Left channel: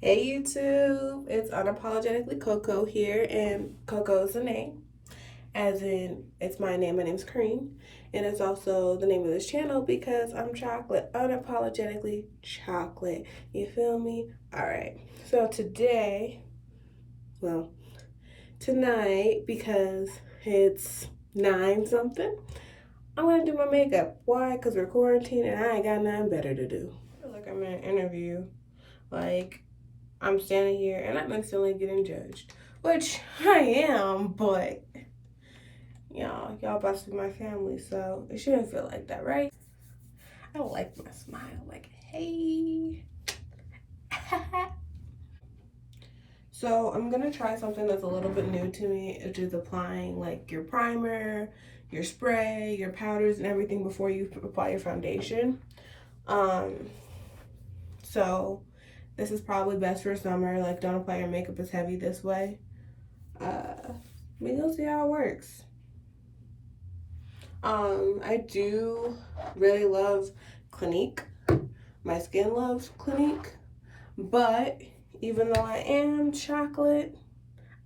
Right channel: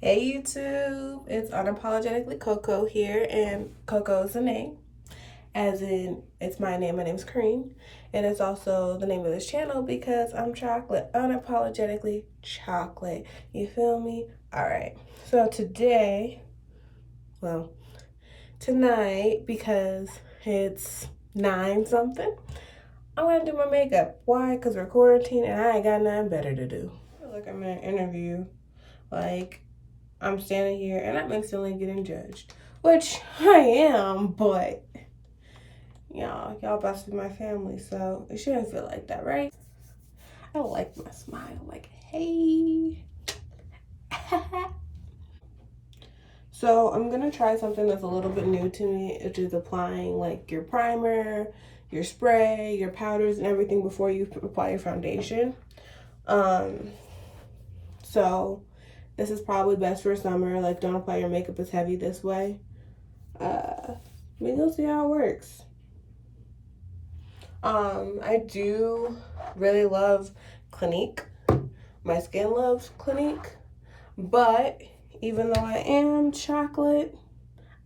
Hey YouTube, it's Unapologetically Coco here, and Coco is a name, as in it's my name. My name's Kareem, and it's also the name of this channel because I'm chocolate, unapologetically chocolate. You feel me? All right. So today, well, tonight, because it's 9 something, I'm gonna do my makeup. Why? Because we're quarantined and I ain't got nothing better to do. I feel like I'm in an interview. Like, I'm standing here and I'm instantly getting judged, which I am, but y'all about to be my family, so it shouldn't feel like that, right? I like my smile, like, hey. So I'm gonna try something that's a little bit new to me, which is applying like your primer, your spray, your powders, and everything before you apply your foundation. Um, so this is probably best for summer. Like, don't apply your makeup as heavy this way. We gonna see how it works. I do really love Clinique. My skin loves Clinique, but even though I am chocolate,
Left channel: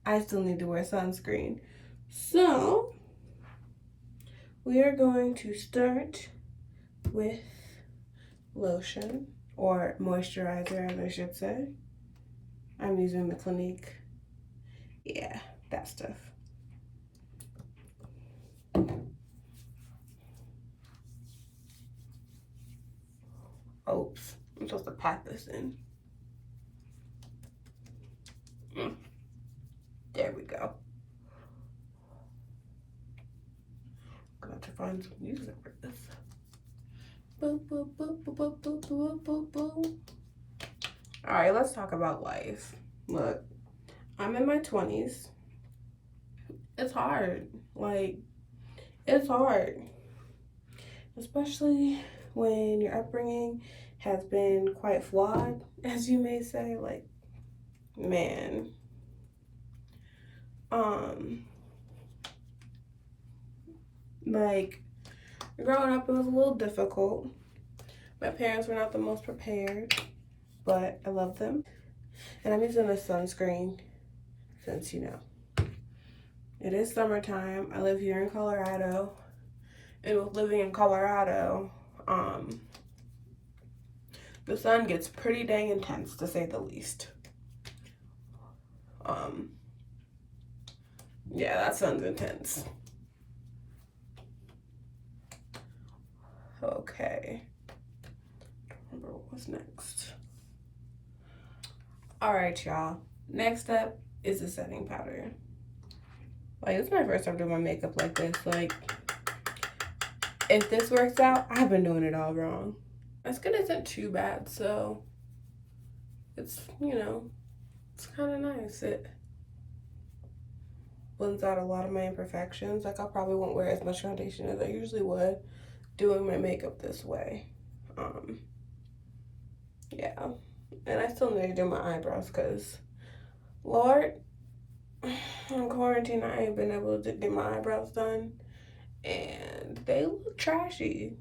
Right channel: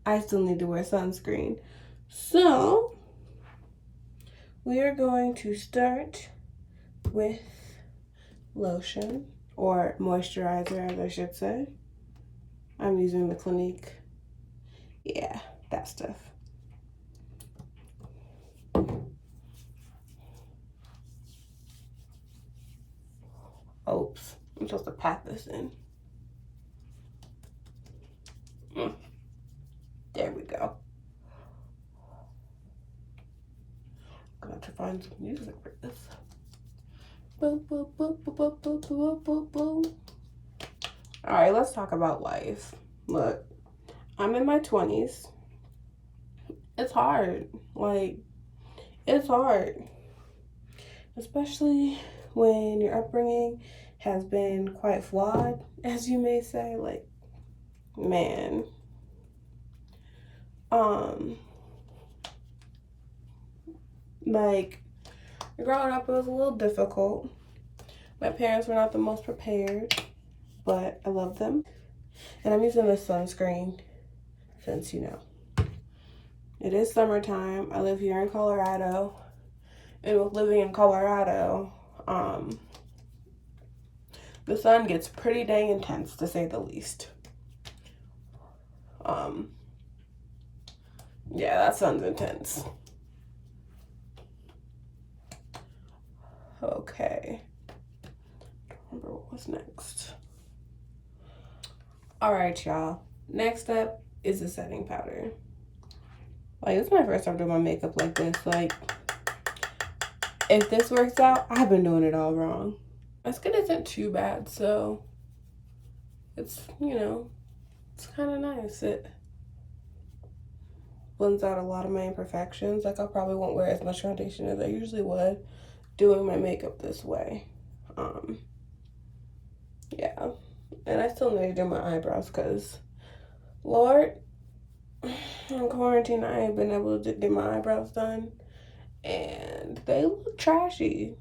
I still need to wear sunscreen. So we are going to start with lotion, or moisturizer as I should say. I'm using the Clinique. Yeah, that stuff. Oops, I'm supposed to pat this in. There we go. I'm gonna have to find some music for this. Boop, boop, boop, boop, boop, boop, boop, boop, boop. All right, let's talk about life. Look, I'm in my 20s. It's hard. Like, it's hard. Especially when your upbringing has been quite flawed, as you may say. Like, man. Like, growing up, it was a little difficult. My parents were not the most prepared, but I love them. And I'm using a sunscreen since, you know, it is summertime. I live here in Colorado. And with living in Colorado, the sun gets pretty dang intense, to say the least. Yeah, that sun's intense. Okay. Don't remember what was next. All right, y'all. Next up is the setting powder. Like, this is my first time doing my makeup like this. Like, if this works out, I've been doing it all wrong. My skin isn't too bad, so it's, you know, it's kind of nice. It blends out a lot of my imperfections. Like, I probably won't wear as much foundation as I usually would doing my makeup this way. Yeah. And I still need to do my eyebrows because, Lord, in quarantine, I ain't been able to get my eyebrows done. And they look trashy,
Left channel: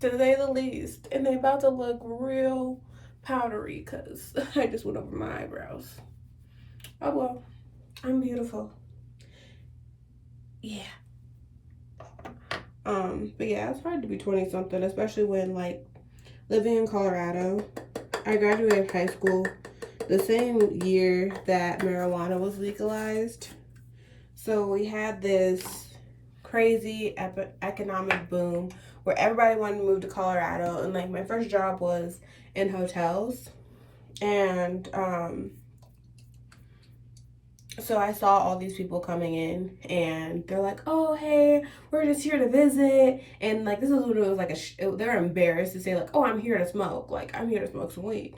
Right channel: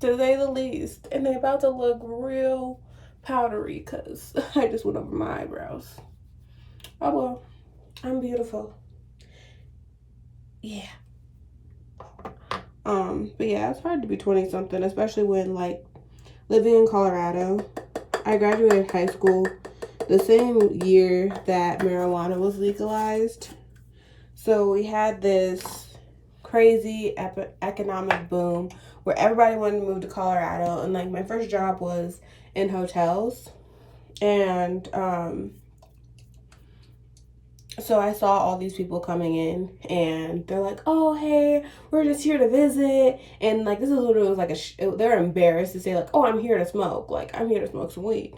to say the least. And they about to look real powdery because I just went over my eyebrows. Oh well, I'm beautiful. Yeah. But yeah, it's hard to be 20 something, especially when, like, living in Colorado. I graduated high school the same year that marijuana was legalized. So we had this crazy economic boom where everybody wanted to move to Colorado, and like my first job was in hotels. And so I saw all these people coming in, and they're like, oh, hey, we're just here to visit. And like, this is what it was like. They're embarrassed to say, like, oh, I'm here to smoke. Like, I'm here to smoke some weed.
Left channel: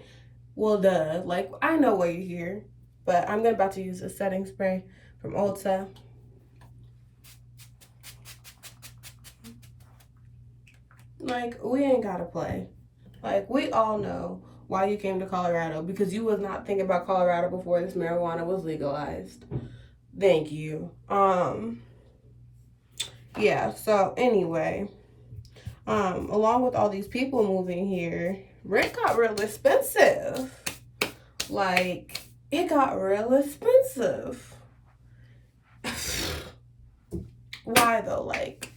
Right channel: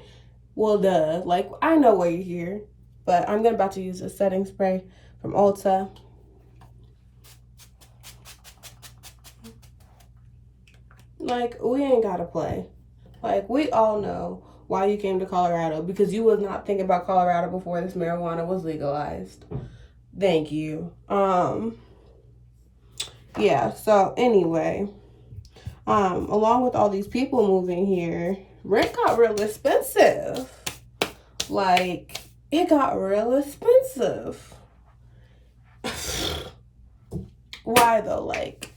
Well, duh. Like, I know why you're here. But I'm about to use a setting spray from Ulta. Like, we ain't gotta play. Like, we all know why you came to Colorado, because you was not thinking about Colorado before this marijuana was legalized. Thank you. Yeah, so anyway, along with all these people moving here, rent got real expensive. Like, it got real expensive. Why though? Like,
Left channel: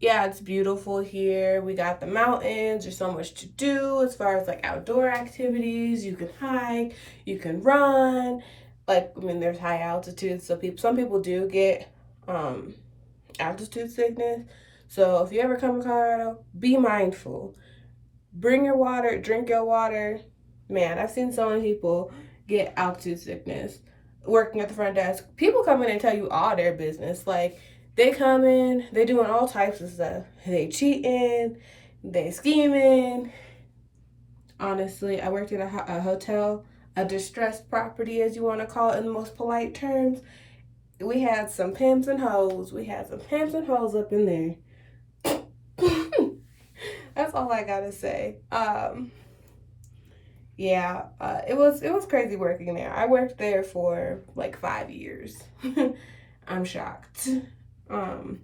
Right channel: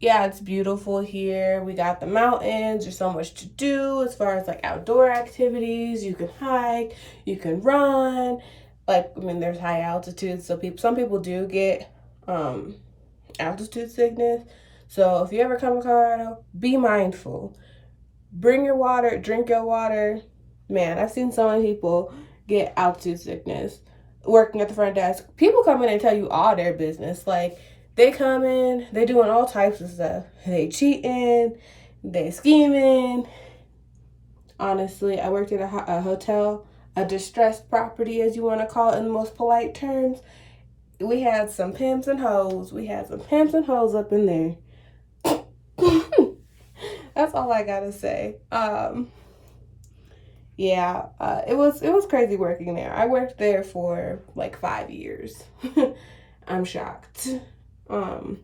yeah, it's beautiful here. We got the mountains. There's so much to do as far as like outdoor activities. You can hike, you can run. Like, I mean, there's high altitude, so some people do get altitude sickness. So if you ever come to Colorado, be mindful. Bring your water, drink your water. Man, I've seen so many people get altitude sickness working at the front desk. People come in and tell you all their business. Like, they come in, they doing all types of stuff. They cheating, they scheming. Honestly, I worked at a hotel, a distressed property, as you want to call it in the most polite terms. We had some pimps and hoes. We had some pimps and hoes up in there. That's all I gotta say. Yeah, it was crazy working there. I worked there for like 5 years. I'm shocked. On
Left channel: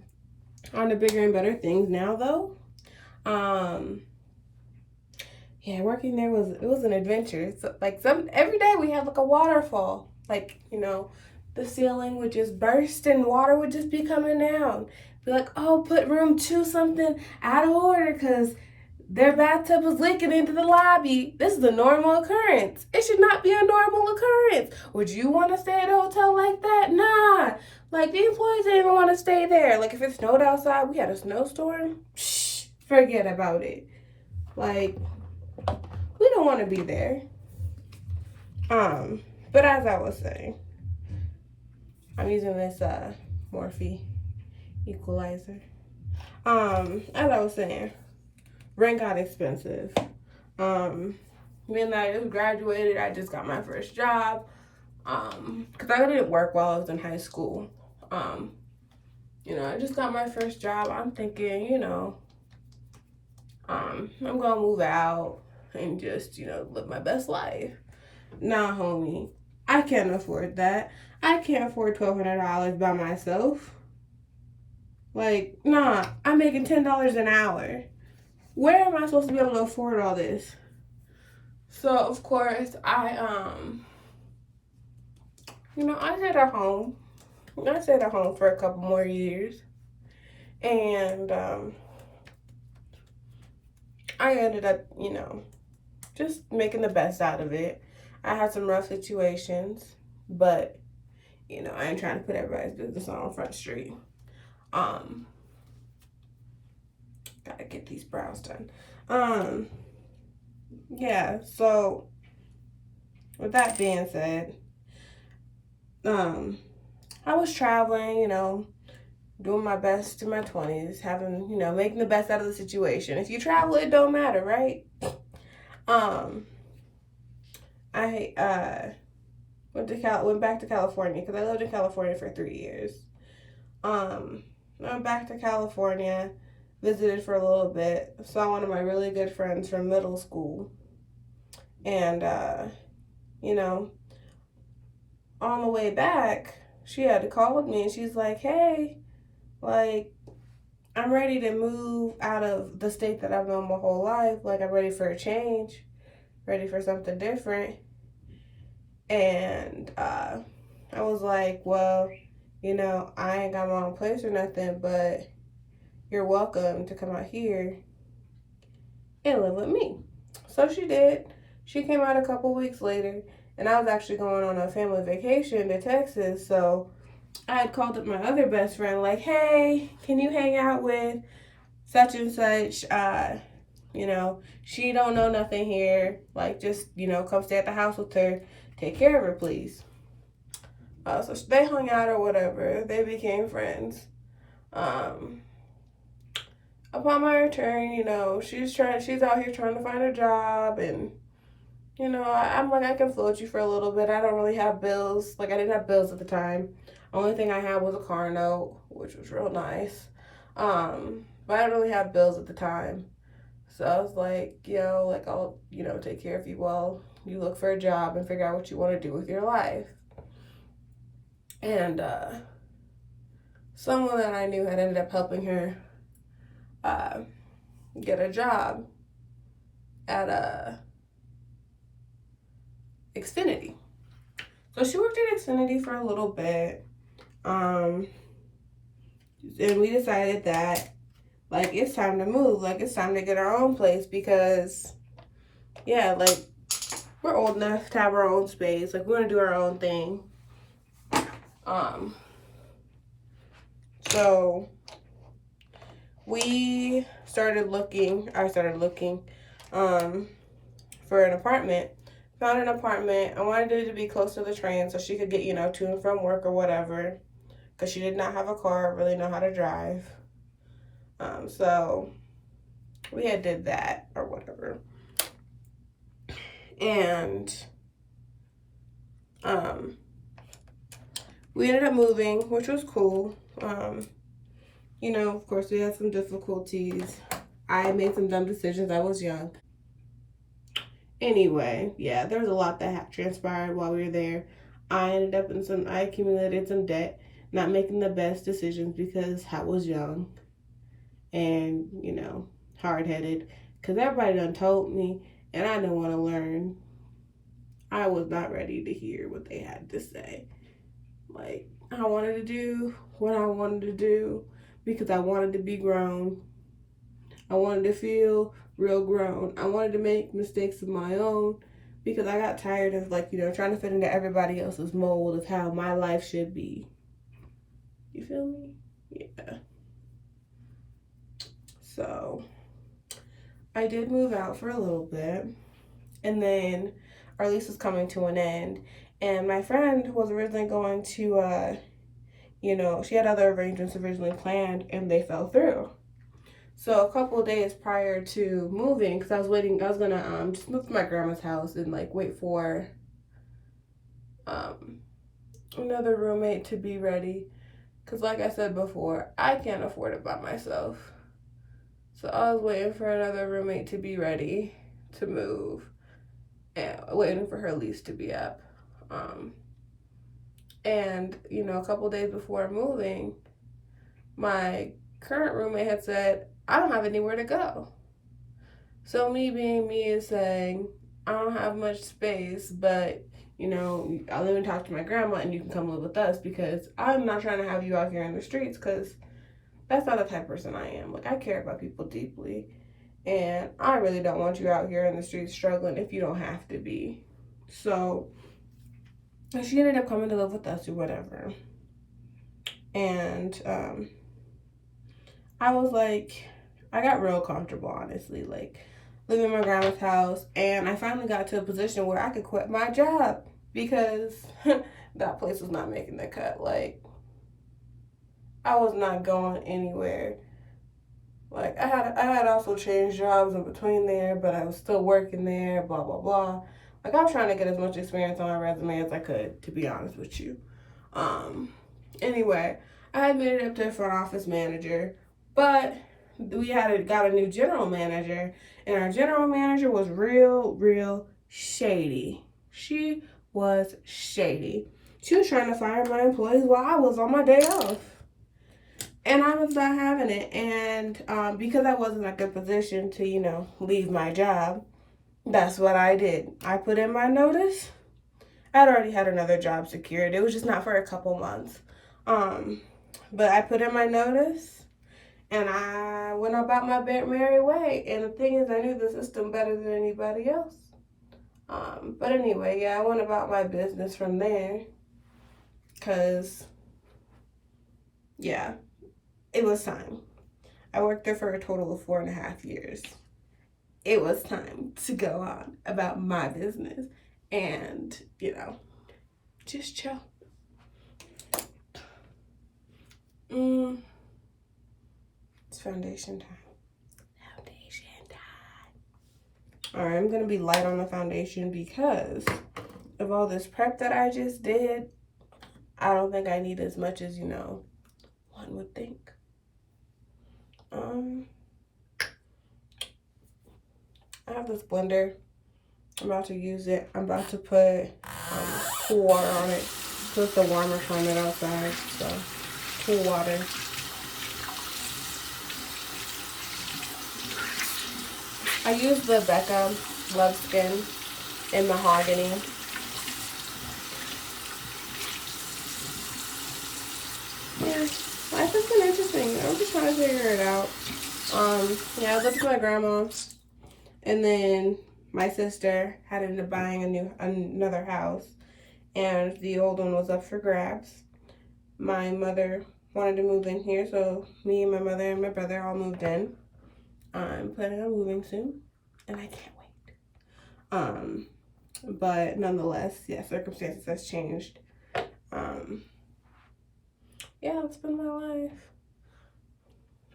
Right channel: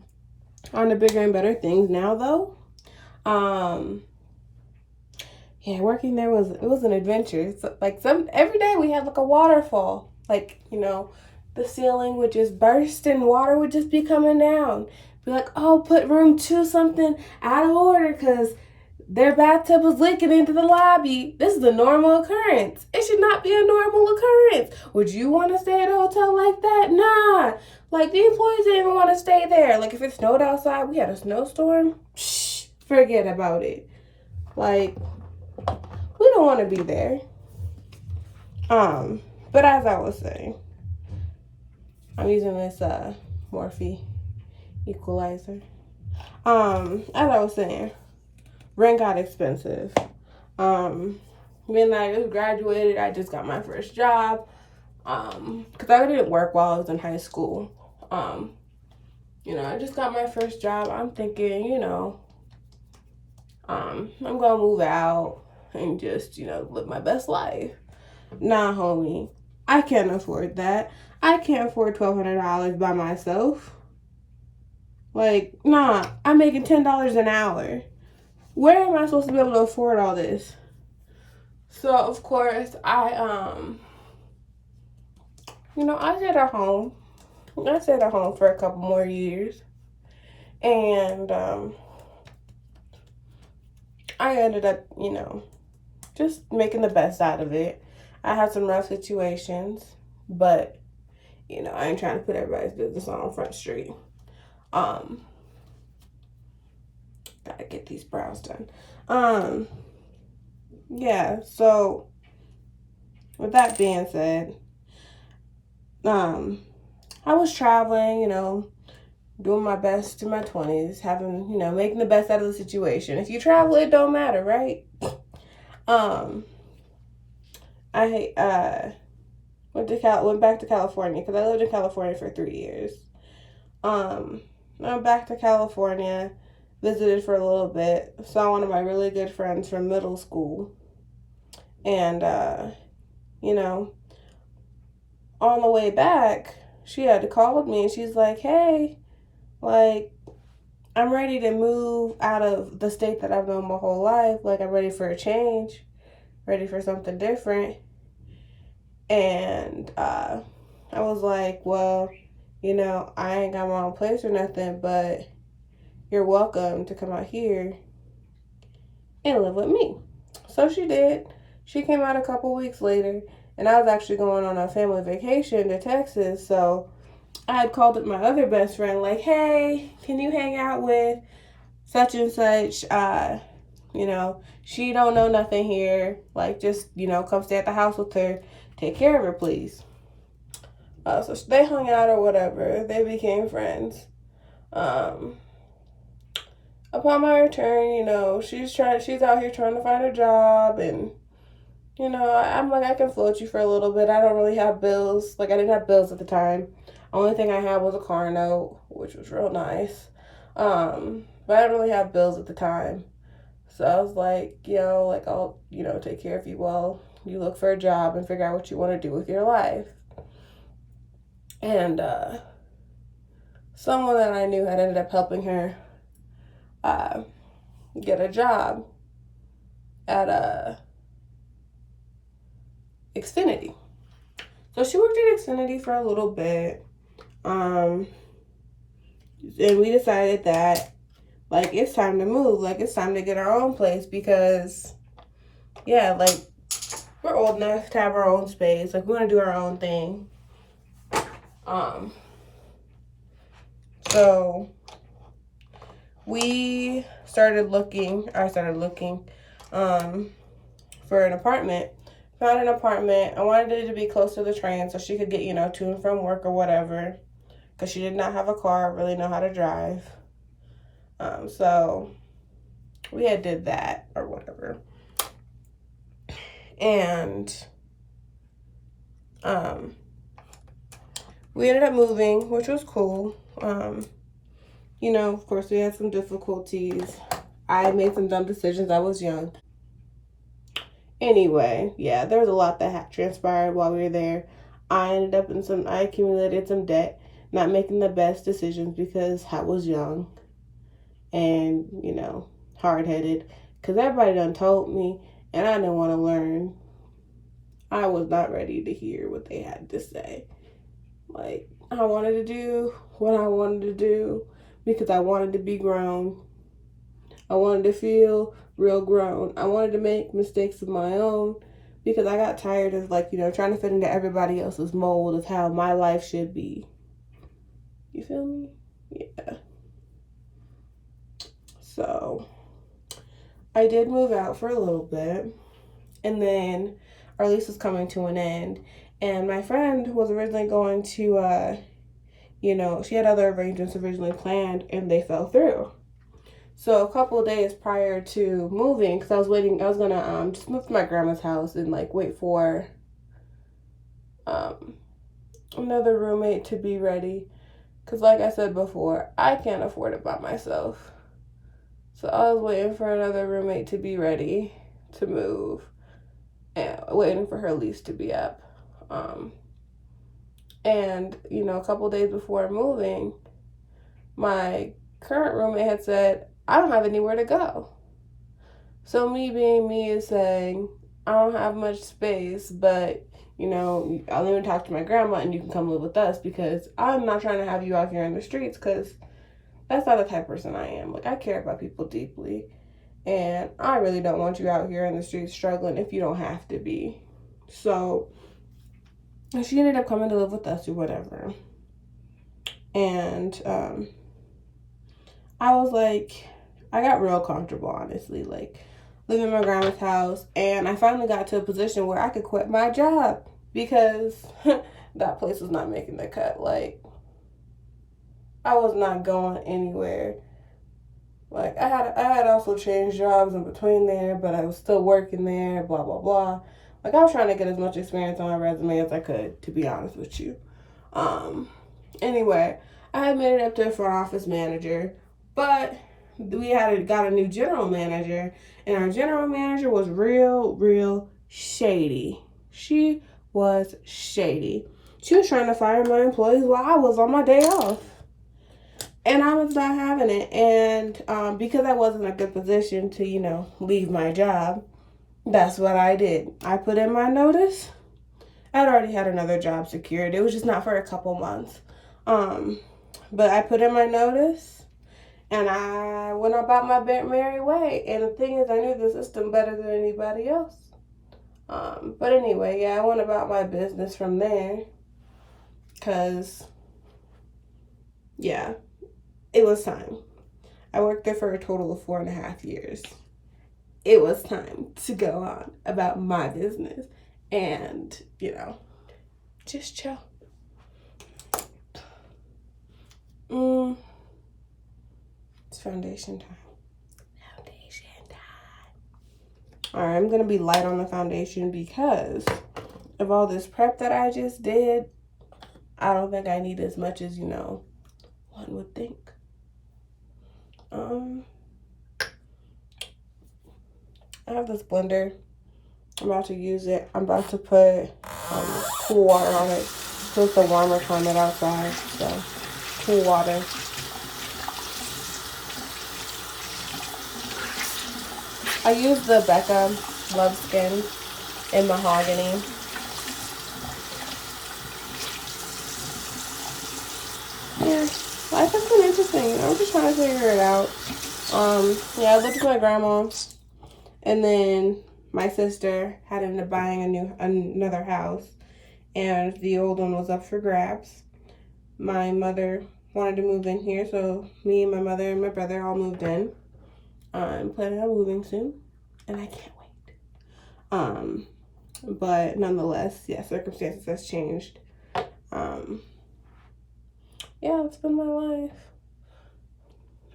the bigger and better things now though. Yeah, working there was an adventure. So, like, every day we had like a waterfall. Like, you know, the ceiling would just burst and water would just be coming down. Be like, oh, put room 2 something out of order because their bathtub was leaking into the lobby. This is a normal occurrence. It should not be a normal occurrence. Would you want to stay at a hotel like that? Nah. Like, the employees didn't even want to stay there. Like, if it snowed outside, we had a snowstorm, forget about it. Like, we don't want to be there. But as I was saying, I'm using this Morphe Equalizer. As I was saying, rent got expensive. When I graduated, I just got my first job. Because I didn't work while I was in high school. You know, I just got my first job. I'm thinking, you know, I'm gonna move out and just, you know, live my best life. Nah, homie, I can't afford that. I can't afford $1,200 by myself. Like, nah, I'm making $10 an hour. Where am I supposed to be able to afford all this? So, of course, you know, I stayed at home. I stayed at home for a couple more years. And, I ended up, you know, just making the best out of it. I had some rough situations, but, you know, I ain't trying to put everybody's business on Front Street. Gotta get these brows done. Yeah, so with that being said, I was traveling, you know, doing my best in my 20s, having, you know, making the best out of the situation. If you travel, it don't matter, right? I went back to California because I lived in California for 3 years. I went back to California, visited for a little bit, saw one of my really good friends from middle school, and you know, on the way back, she had called me and she's like, hey, like, I'm ready to move out of the state that I've known my whole life. Like, I'm ready for a change, ready for something different. And I was like, well, you know, I ain't got my own place or nothing, but you're welcome to come out here and live with me. So she did. She came out a couple weeks later, and I was actually going on a family vacation to Texas, so I had called up my other best friend, like, hey, can you hang out with such and such? You know, she don't know nothing here. Like, just, you know, come stay at the house with her. Take care of her, please. So they hung out or whatever. They became friends. Upon my return, you know, she's out here trying to find a job, and, you know, I'm like, I can float you for a little bit. I don't really have bills. Like, I didn't have bills at the time. Only thing I had was a car note, which was real nice. But I didn't really have bills at the time. So I was like, you know, like, I'll, you know, take care of you while you look for a job and figure out what you want to do with your life. And someone that I knew had ended up helping her get a job at Xfinity. So she worked at Xfinity for a little bit. And we decided that, like, it's time to move. Like, it's time to get our own place because, yeah, like, we're old enough to have our own space. Like, we want to do our own thing. So I started looking, for an apartment. Found an apartment. I wanted it to be close to the train so she could get, you know, to and from work or whatever. Because she did not have a car, really know how to drive. So we had did that or whatever. And we ended up moving, which was cool. You know, of course, we had some difficulties. I made some dumb decisions. I was young. Anyway, yeah, there was a lot that transpired while we were there. I accumulated some debt, not making the best decisions because I was young and, you know, hard-headed. Because everybody done told me, and I didn't want to learn. I was not ready to hear what they had to say. Like, I wanted to do what I wanted to do because I wanted to be grown. I wanted to feel real grown. I wanted to make mistakes of my own because I got tired of, like, you know, trying to fit into everybody else's mold of how my life should be. You feel me? Yeah. So I did move out for a little bit, and then our lease was coming to an end, and my friend was originally going to, you know, she had other arrangements originally planned, and they fell through. So a couple of days prior to moving, because I was gonna just move to my grandma's house and, like, wait for another roommate to be ready. Because, like I said before, I can't afford it by myself. So I was waiting for another roommate to be ready to move and waiting for her lease to be up. And, you know, a couple days before moving, my current roommate had said, I don't have anywhere to go. So me being me is saying, I don't have much space, but, you know, I'll even talk to my grandma and you can come live with us because I'm not trying to have you out here in the streets because that's not the type of person I am. Like, I care about people deeply, and I really don't want you out here in the streets struggling if you don't have to be. So she ended up coming to live with us or whatever. And I was like, I got real comfortable, honestly, like living in my grandma's house. And I finally got to a position where I could quit my job because that place was not making the cut. Like, I was not going anywhere. Like, I had also changed jobs in between there, but I was still working there, blah, blah, blah. Like, I was trying to get as much experience on my resume as I could, to be honest with you. Anyway, I had made it up to a front office manager, but we got a new general manager, and our general manager was real shady. She was shady. She was trying to fire my employees while I was on my day off. And I was not having it. And because I wasn't in a good position to, you know, leave my job, that's what I did. I put in my notice. I'd already had another job secured. It was just not for a couple months. But I put in my notice, and I went about my merry way. And the thing is, I knew the system better than anybody else. But anyway, yeah, I went about my business from there. Because, yeah, it was time. I worked there for a total of 4.5 years. It was time to go on about my business and, you know, just chill. It's foundation time. Alright, I'm going to be light on the foundation because of all this prep that I just did. I don't think I need as much as, you know, one would think. I have this blender. I'm about to use it. I'm about to put cool water on it. So it's a warmer climate outside. So, cool water. I use the BECCA Love Skin in Mahogany. Yeah, life has been interesting. I'm just trying to figure it out. Yeah, I lived with my grandma, and then my sister had ended up buying another house, and the old one was up for grabs. My mother wanted to move in here, so me and my mother and my brother all moved in. I'm planning on moving soon, and I can't wait. But nonetheless, yeah, circumstances has changed. Yeah, it's been my life.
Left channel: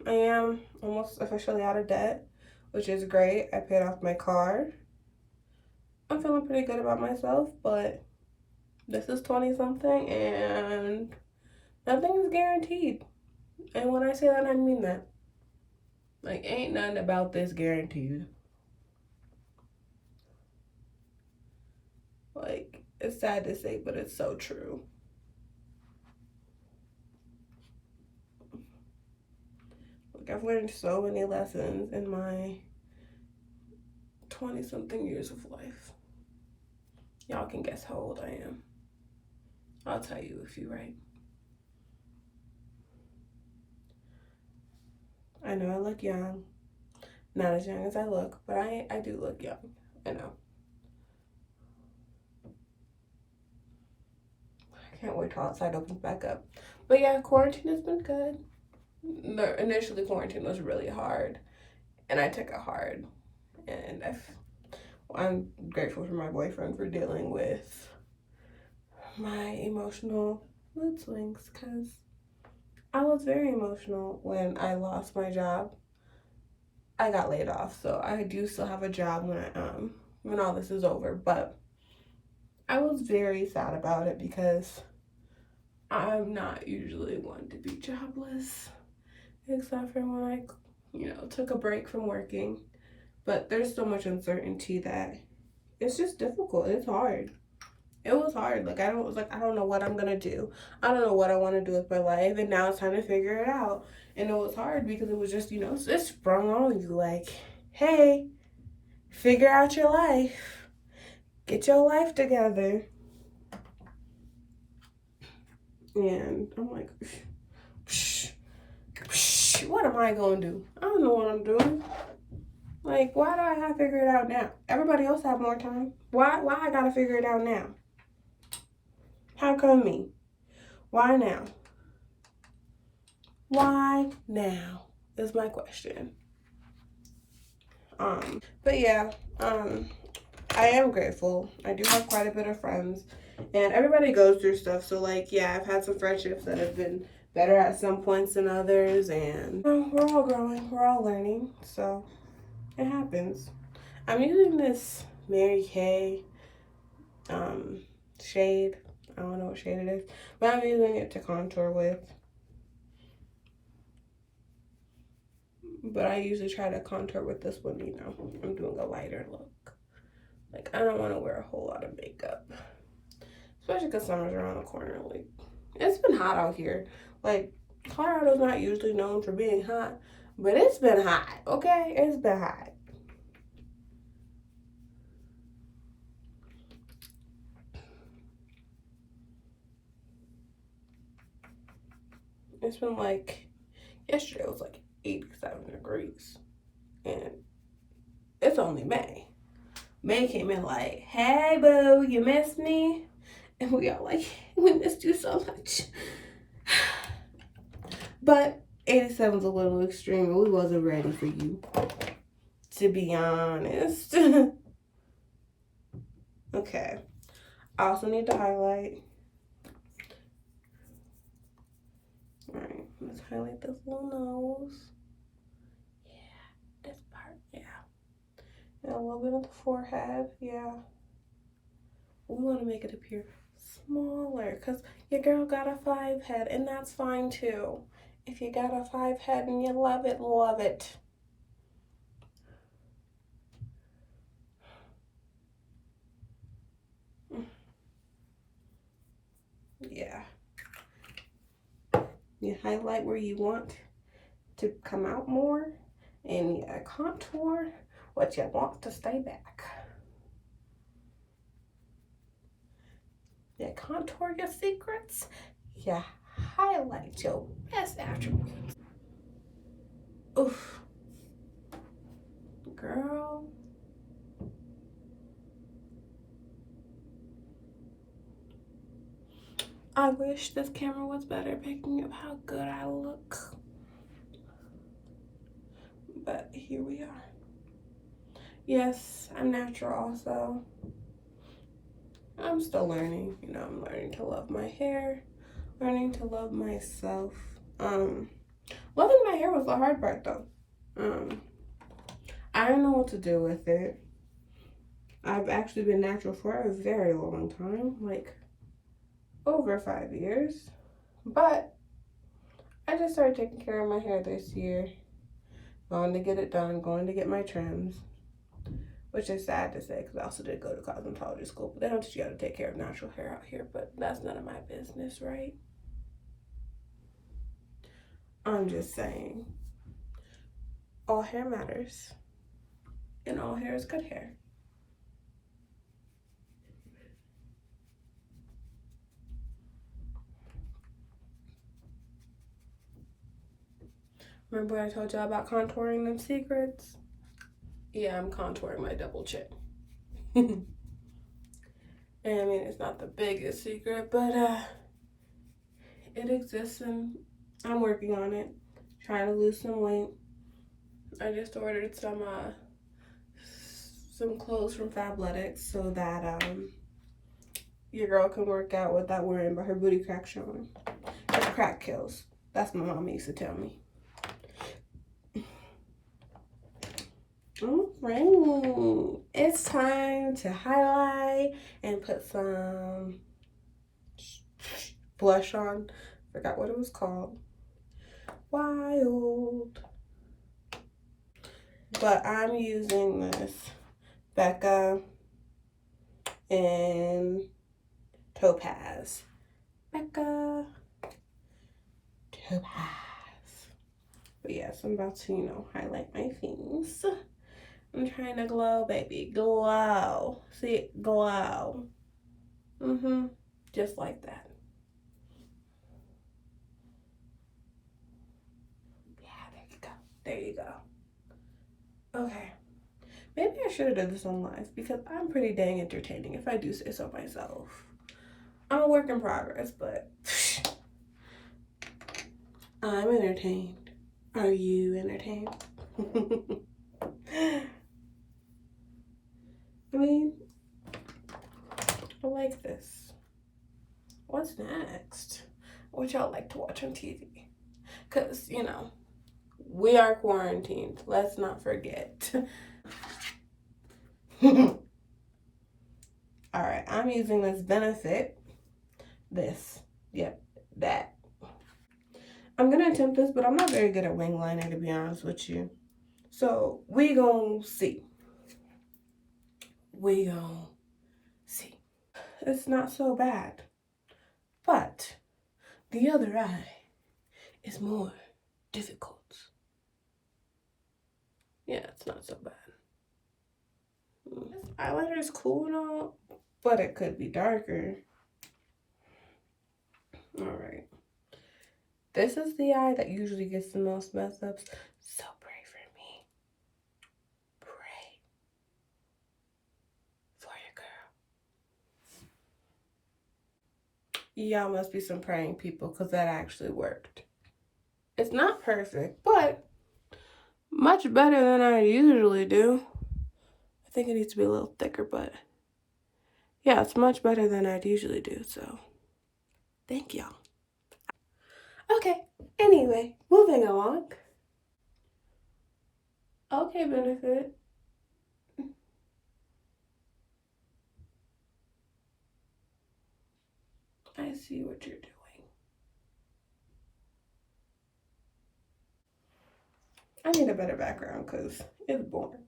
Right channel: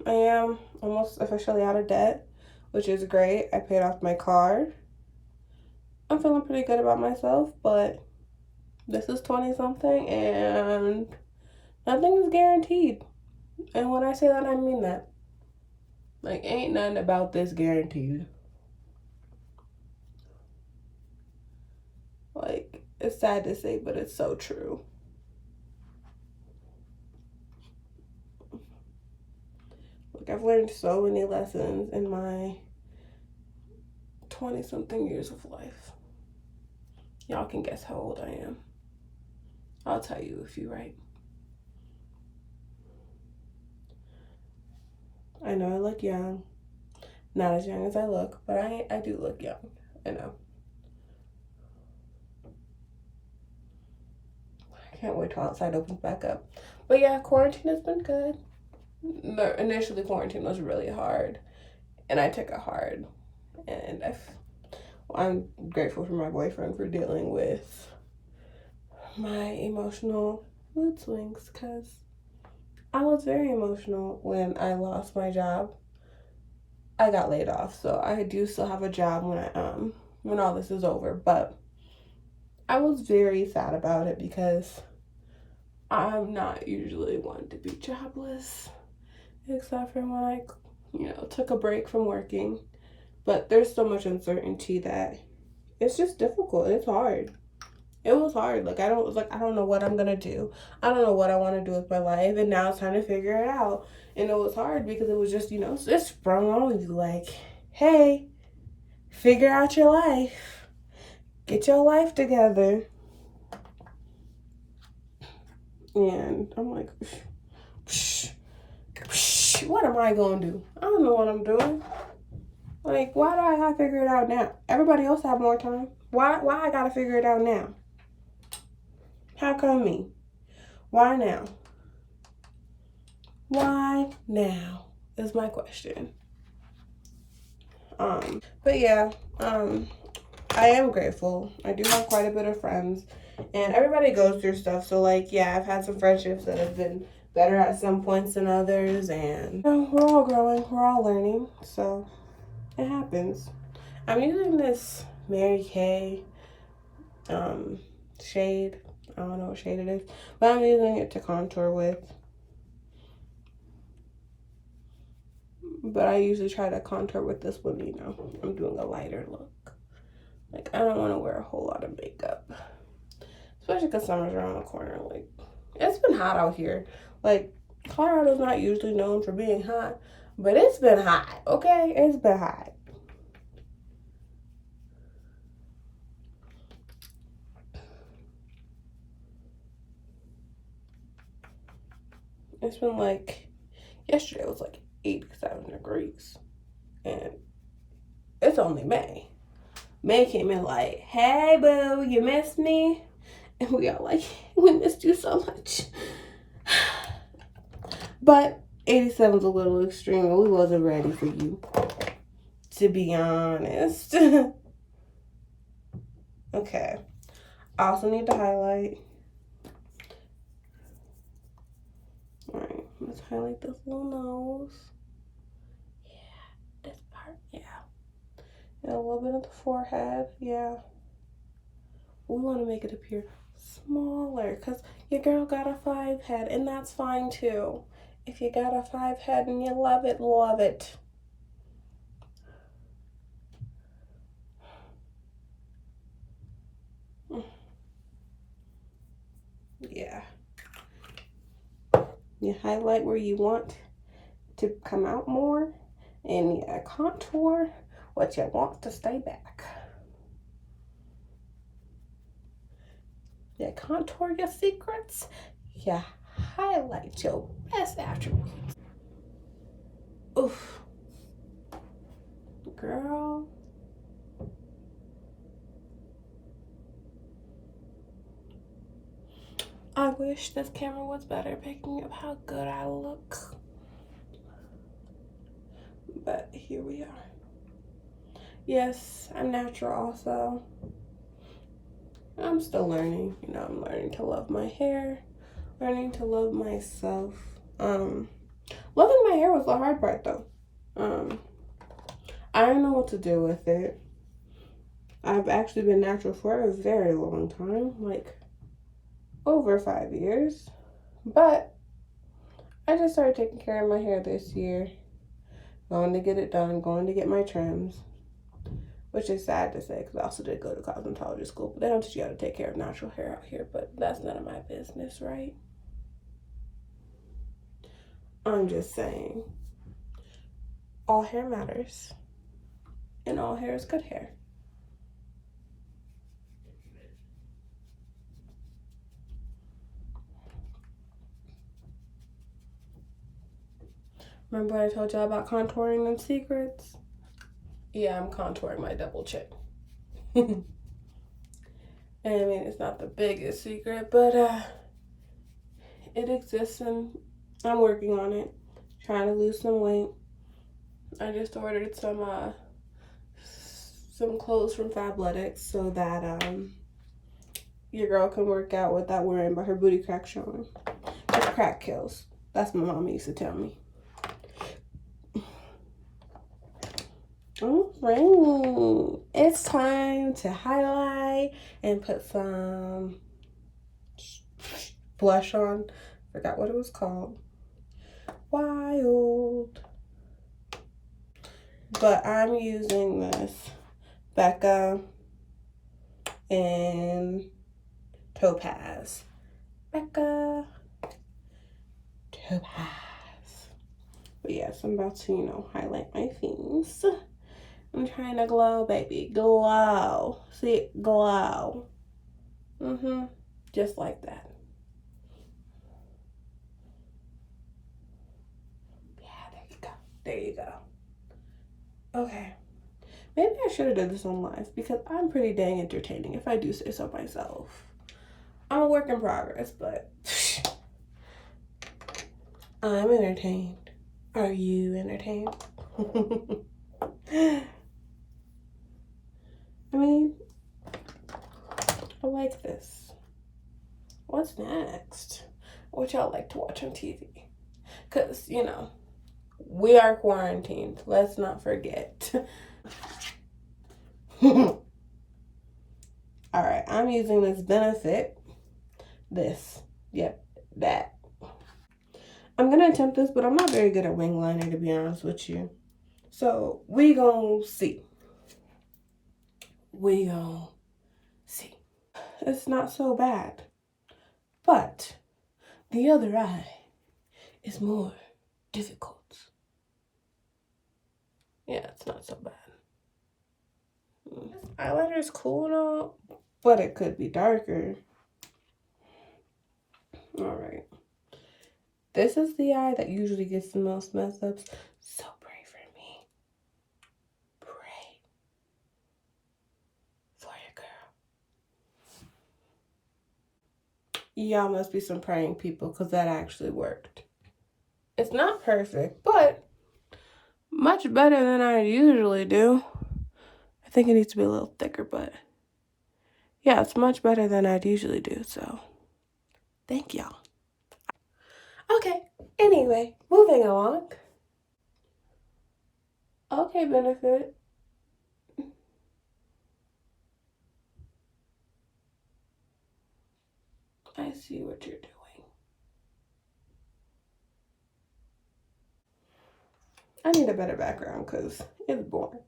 I am almost officially out of debt, which is great. I paid off my car. I'm feeling pretty good about myself, but this is 20 something and nothing is guaranteed. And when I say that, I mean that. Like, ain't nothing about this guaranteed. Like, it's sad to say, but it's so true. Like, I've learned so many lessons in my 20 something years of life. Y'all can guess how old I am. I'll tell you if you're right. I know I look young. Not as young as I look, but I do look young. I know. I can't wait till outside opens back up. But yeah, quarantine has been good. Initially, quarantine was really hard, and I took it hard. And I'm grateful for my boyfriend for dealing with my emotional mood swings, because I was very emotional when I lost my job. I got laid off, so I do still have a job when all this is over, but I was very sad about it because I'm not usually one to be jobless, except for when I, took a break from working. But there's so much uncertainty that it's just difficult. It's hard. It was hard. Like, I don't know what I'm gonna do. I don't know what I want to do with my life, and now it's time to figure it out. And it was hard because it was just, it sprung on you like, hey, figure out your life. Get your life together. And I'm like, what am I gonna do? I don't know what I'm doing. Like, why do I gotta figure it out now? Everybody else have more time. Why I gotta figure it out now? How come me? Why now? Why now is my question. But yeah, I am grateful. I do have quite a bit of friends, and everybody goes through stuff. So like, yeah, I've had some friendships that have been better at some points than others, and we're all growing, we're all learning, so it happens. I'm using this MaryKay shade. I don't know what shade it is, but I'm using it to contour with. But I usually try to contour with this one, I'm doing a lighter look. Like, I don't want to wear a whole lot of makeup, especially because summer's around the corner. Like, it's been hot out here. Like, Colorado's not usually known for being hot, but it's been hot, okay? It's been hot. It's been like, yesterday it was like 87 degrees, and it's only May. May came in like, hey boo, you missed me? And we are like, we missed you so much. But 87's a little extreme, and we wasn't ready for you, to be honest. Okay. I also need to highlight. Alright, let's highlight this little nose. Yeah, this part, yeah. And a little bit of the forehead, yeah. We want to make it appear smaller because your girl got a 5 head, and that's fine too. If you got a 5 head and you love it, love it. Yeah. You highlight where you want to come out more, and you contour what you want to stay back. You contour your secrets, you highlight your best attributes. Oof. Girl. I wish this camera was better picking up how good I look. But here we are. Yes, I'm natural also. I'm still learning. You know, I'm learning to love my hair, learning to love myself. Loving my hair was the hard part though. I don't know what to do with it. I've actually been natural for a very long time, like over 5 years. But I just started taking care of my hair this year. Going to get it done, going to get my trims. Which is sad to say because I also did go to cosmetology school. But they don't teach you how to take care of natural hair out here. But that's none of my business, right? I'm just saying. All hair matters. And all hair is good hair. Remember what I told y'all about contouring them secrets? Yeah, I'm contouring my double chin. And I mean, it's not the biggest secret, but it exists and I'm working on it. Trying to lose some weight. I just ordered some clothes from Fabletics so that your girl can work out without worrying about her booty crack showing. That crack kills. That's what my mom used to tell me. Alright, it's time to highlight and put some blush on. Forgot what it was called. Wild. But I'm using this BECCA and Topaz. BECCA, Topaz. But yes, I'm about to, you know, highlight my things. I'm trying to glow, baby. Glow. See it? Glow. Just like that. Yeah, there you go. There you go. Okay. Maybe I should have done this on live because I'm pretty dang entertaining if I do say so myself. I'm a work in progress, but I'm entertained. Are you entertained? I mean, I like this. What's next? What y'all like to watch on TV? Because, you know, we are quarantined. Let's not forget. Alright, I'm using this Benefit. This. Yep, that. I'm going to attempt this, but I'm not very good at wing liner, to be honest with you. So, we gon' see. We gon' see. It's not so bad. But the other eye is more difficult. Yeah, it's not so bad. This eyeliner is cool though, but it could be darker. Alright. This is the eye that usually gets the most mess ups. So pray for me. Pray for your girl. Y'all must be some praying people because that actually worked. It's not perfect, but much better than I usually do. I think it needs to be a little thicker, but yeah, it's much better than I'd usually do, so thank y'all. Okay, anyway, moving along. Okay, Benefit. I see what you're doing. I need a better background because it's boring.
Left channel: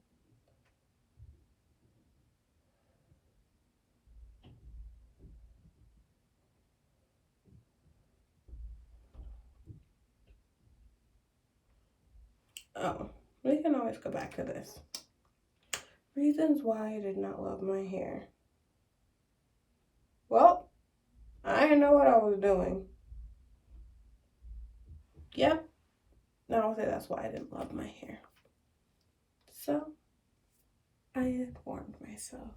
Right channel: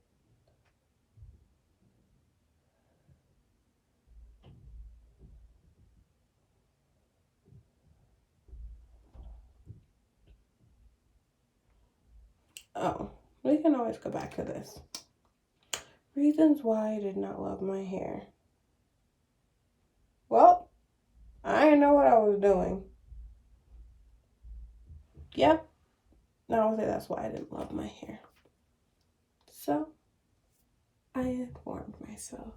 Oh, we can always go back to this. Reasons why I did not love my hair. Well, I didn't know what I was doing. Yep. I would say that's why I didn't love my hair. So, I informed myself.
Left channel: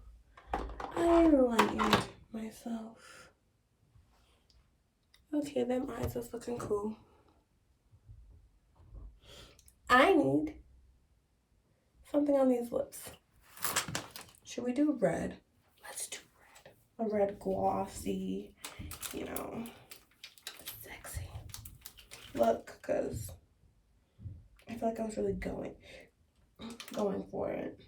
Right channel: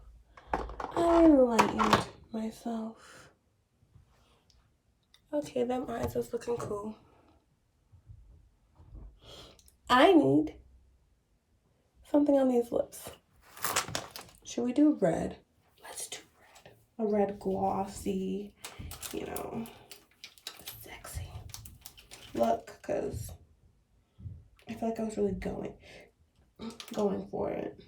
I enlightened myself. Okay, them eyes is looking cool. I need something on these lips. Should we do red? Let's do red. A red glossy, you know, sexy look, because I feel like I was really going for it.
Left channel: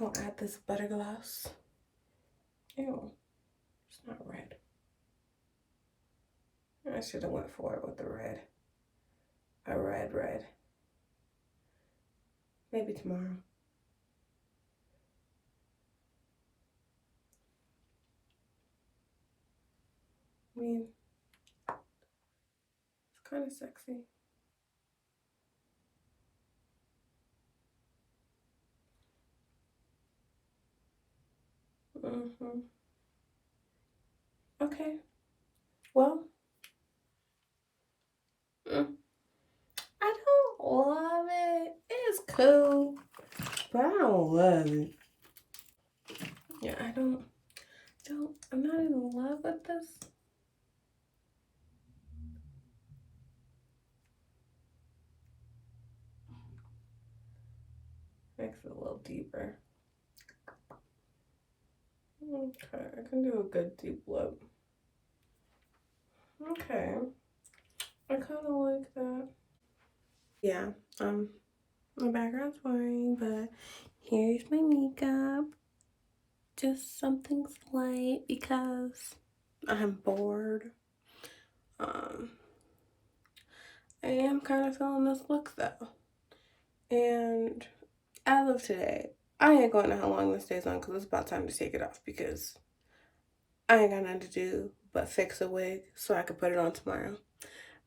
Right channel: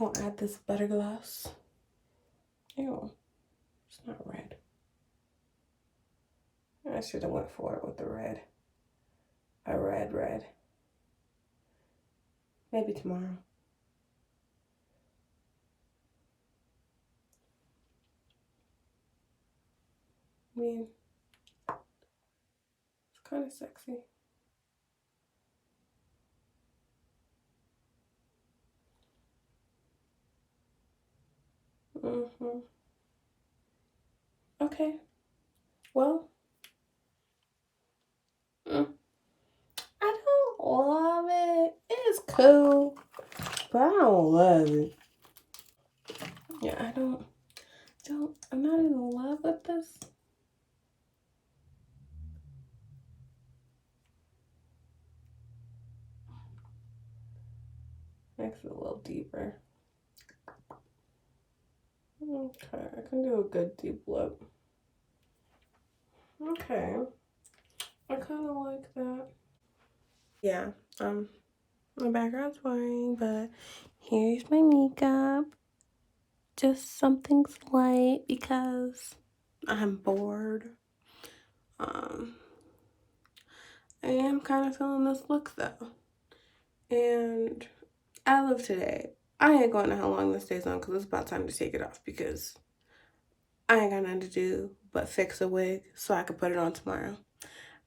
I'll add this butter gloss. Ew, it's not red. I should have went for it with the red. A red. Maybe tomorrow. I mean, it's kind of sexy. Okay. Well, I don't love it. It's cool, but I don't love it. Yeah, I'm not in love with this. Makes it a little deeper. Okay, I can do a good deep lip. Okay. I kind of like that. Yeah, my background's boring, but here's my makeup. Just something slight because I'm bored. I am kind of feeling this look though. And as of today, I ain't going to know how long this stays on because it's about time to take it off because I ain't got nothing to do but fix a wig so I can put it on tomorrow.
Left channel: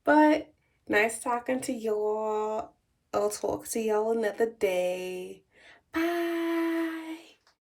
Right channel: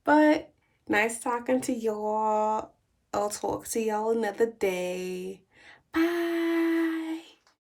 But nice talking to y'all. I'll talk to y'all another day. Bye.